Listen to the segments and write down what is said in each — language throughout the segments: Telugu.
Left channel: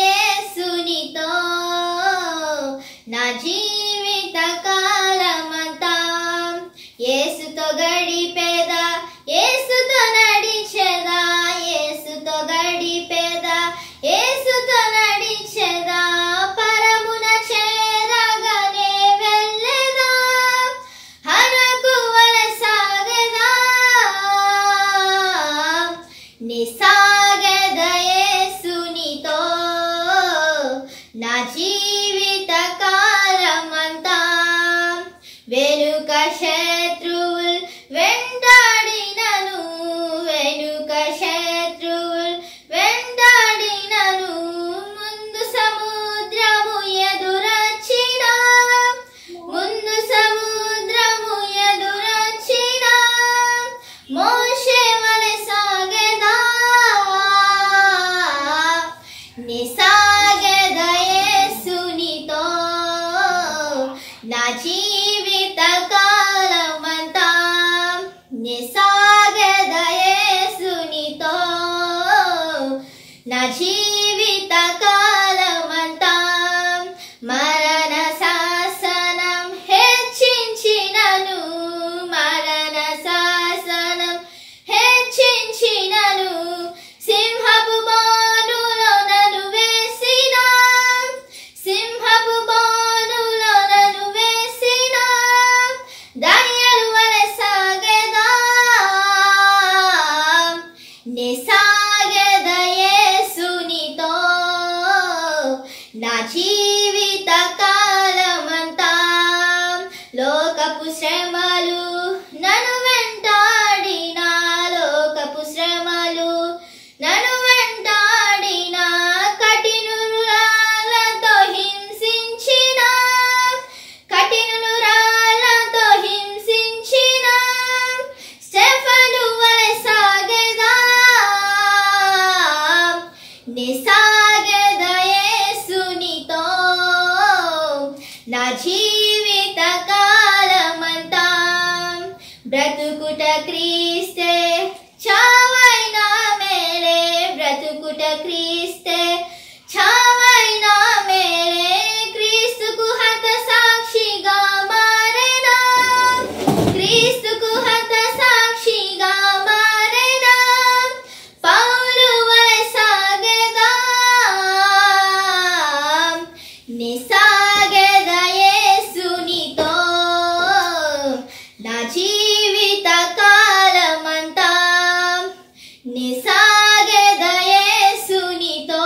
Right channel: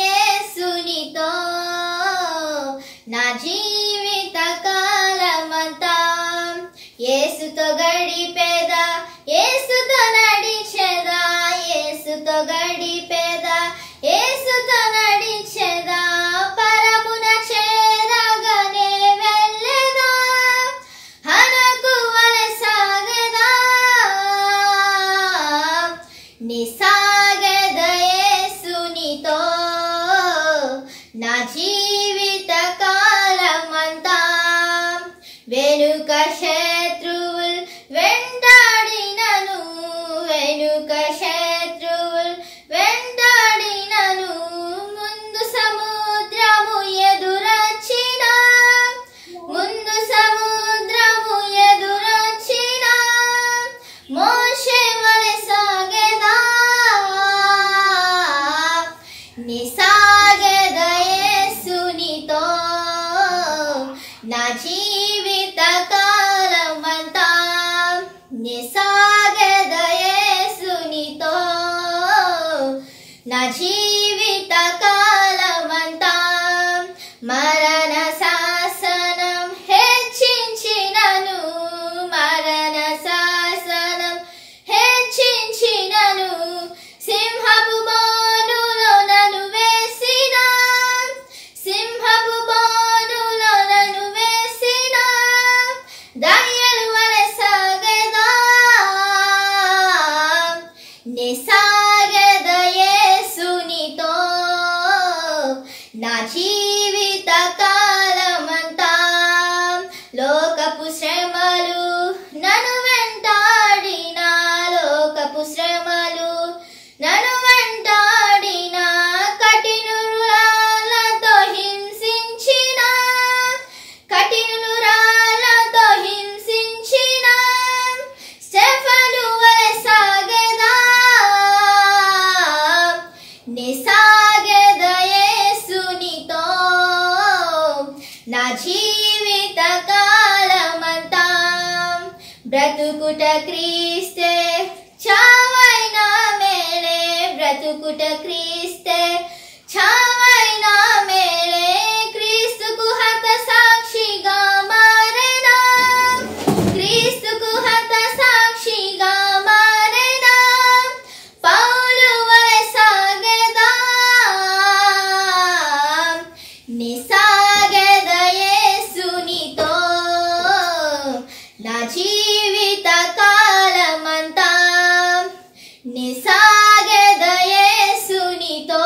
యేసునితో నా జీవిత కాలమంతా యేసుతో గడిపేదా యేసుతో నడిచేదా యేసుతో గడిపేదా యేసుతో నడిచేదా పరమున చేరగానే వెళ్ళేదా హరకు వలె సాగేదా నిసాగేద యేసునితో నా జీవిత కాలమంతా వెనుక శత్రువులు వెంటాడినను వెనుక శత్రువులు వెంటాడినను ముందు సముద్రము ఎదురొచ్చినా ముందు సముద్రము ఎదురొచ్చినా మోషే వలె సాగేదా నిసాగేద యేసునితో నా జీవిత కాలమంతా నిసాగేద యేసునితో నా జీవిత కాలమంతా మరణ శాసనం హెచ్చించినను మరణ శాసనం హెచ్చించినను సింహపు బాణులో నన్ను వేసిన సింహపు బాణులో నన్ను వేసిన దానియేలు వలె సాగేదా నిసాగేద యేసునితో నా జీవిత కాలమంతా లోకపు శ్రమలు నన్ను వెంటాడినా లోకపు శ్రమలు నన్ను వెంటాడినా కఠినులు రాళ్ళతో హింసించిన కఠినులు రాళ్ళతో హింసించిన స్టెఫను వలె సాగేదా నిసాగేద యేసునితో నా జీవిత కాలమంతా బ్రతుకుట క్రీస్తే చావైనా మేలే బ్రతుకుట క్రీస్తే చావైనా మేలే క్రీస్తుకు హత సాక్షిగా మారేనా క్రీస్తుకు హత సాక్షిగా మారేనా పౌలు వలె సాగేదా నిసాగేద యేసునితో నా జీవిత కాలమంతా నిసాగేద యేసునితో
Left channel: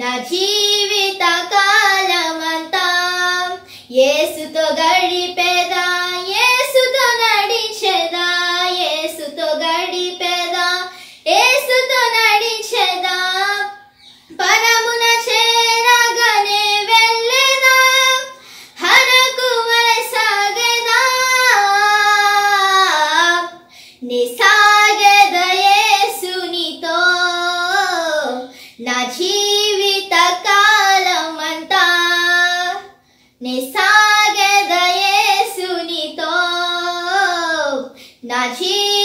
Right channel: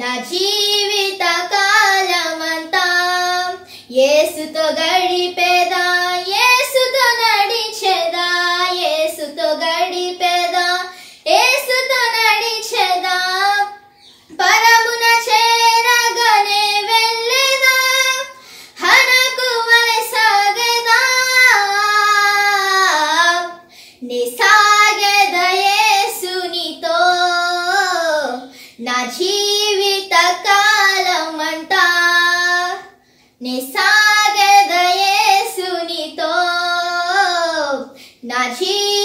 నా జీవిత కాలమంతా యేసుతో గడిపేదా యేసుతో నడిచేదా యేసుతో గడిపేదా యేసుతో నడిచేదా పరమున చేరగానే వెళ్ళేదా హరకు వలె సాగేదా నిసాగేద యేసునితో నా జీవిత కాలమంతా నిసాగేద యేసునితో నా జీవిత